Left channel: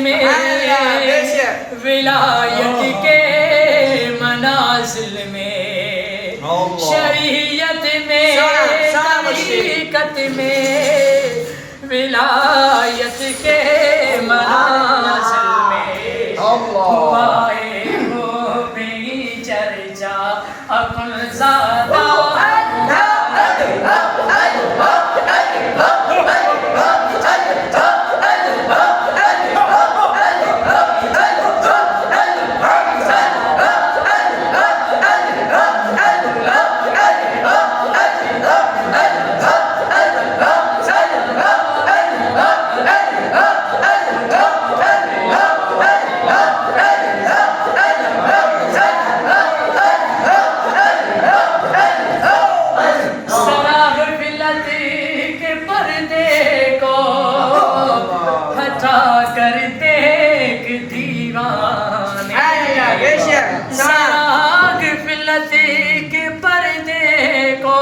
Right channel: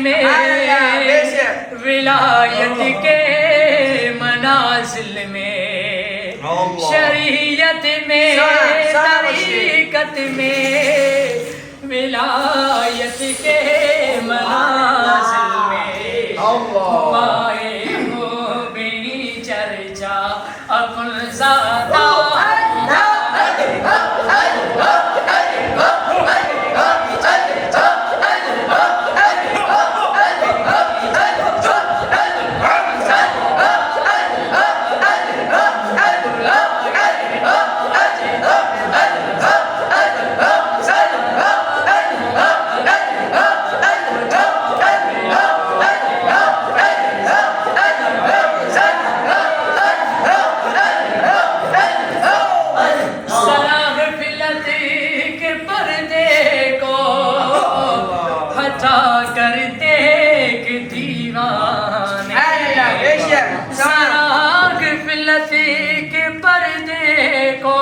में विलायत के मनाजिल में शरीयत में तरीकत में विलायत के मनाजिल में हुआए हो बेई चर्चा अकुल ज़ादा करते कि दीवाने साग फिलती के पर्दे को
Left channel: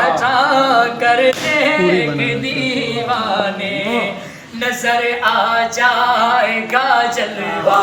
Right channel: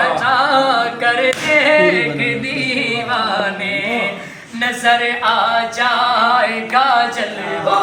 हटा करते कि दीवाने नजर आ जाएगा जलवा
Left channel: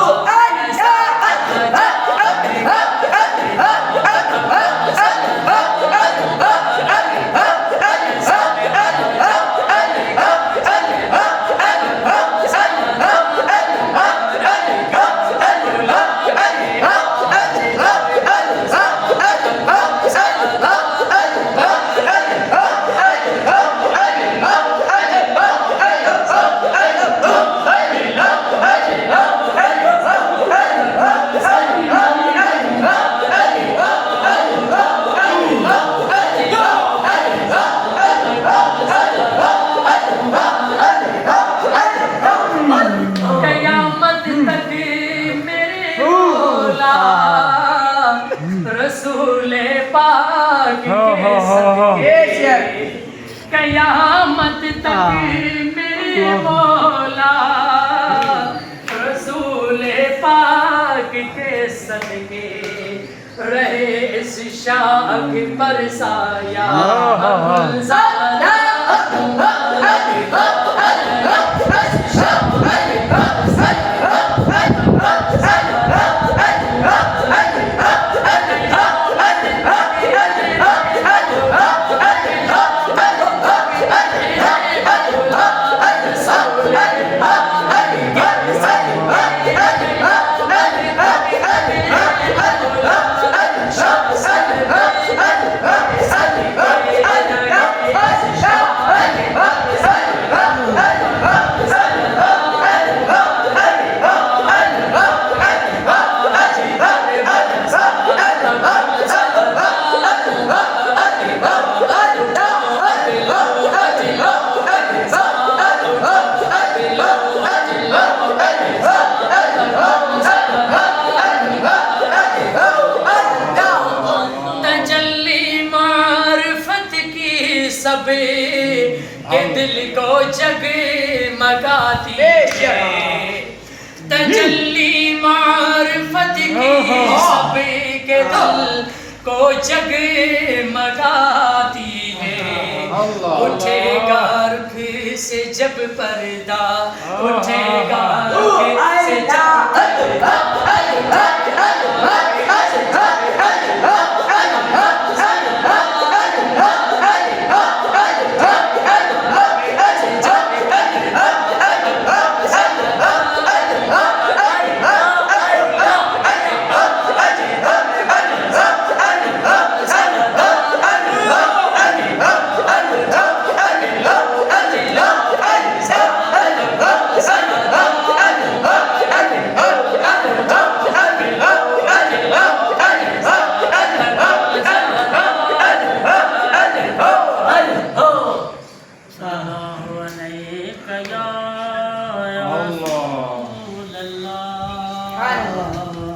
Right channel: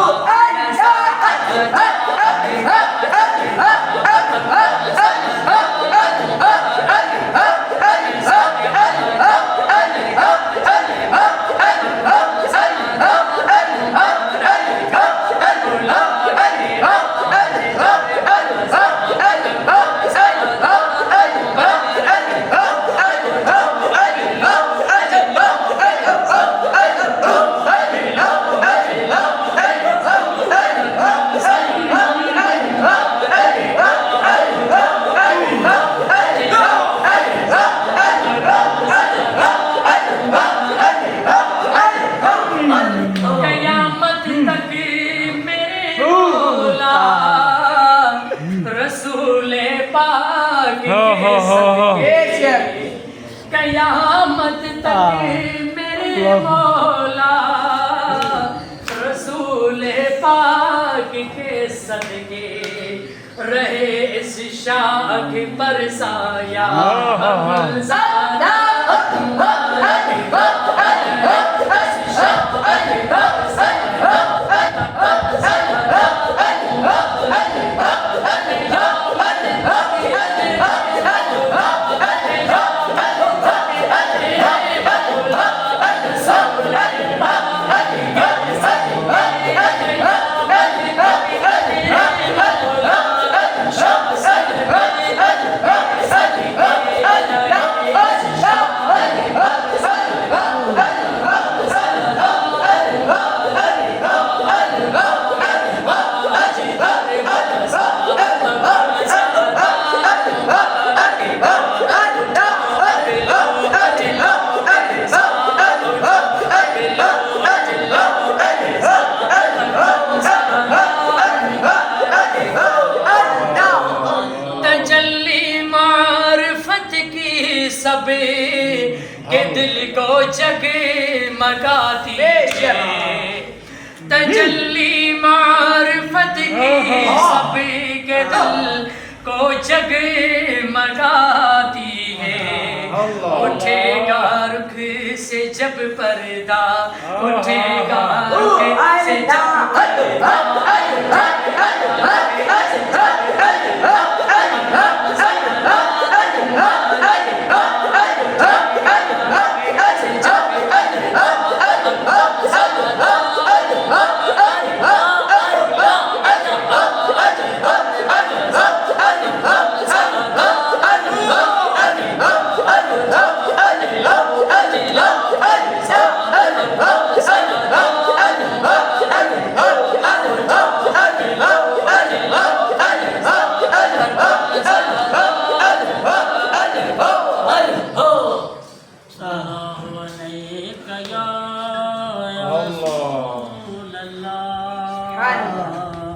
कयामत तक मेरे मौला रसूले पाक के सदके कयामत तक मेरे मौला रसूले पाक के सदके रहे इस शाख पर साया सबे के दिल को जगमगाती है तजल्ली मारिफत की सबे के दिल को जगमगाती है उठेगा रुख से जब पर्दा उठेगा रुख से जब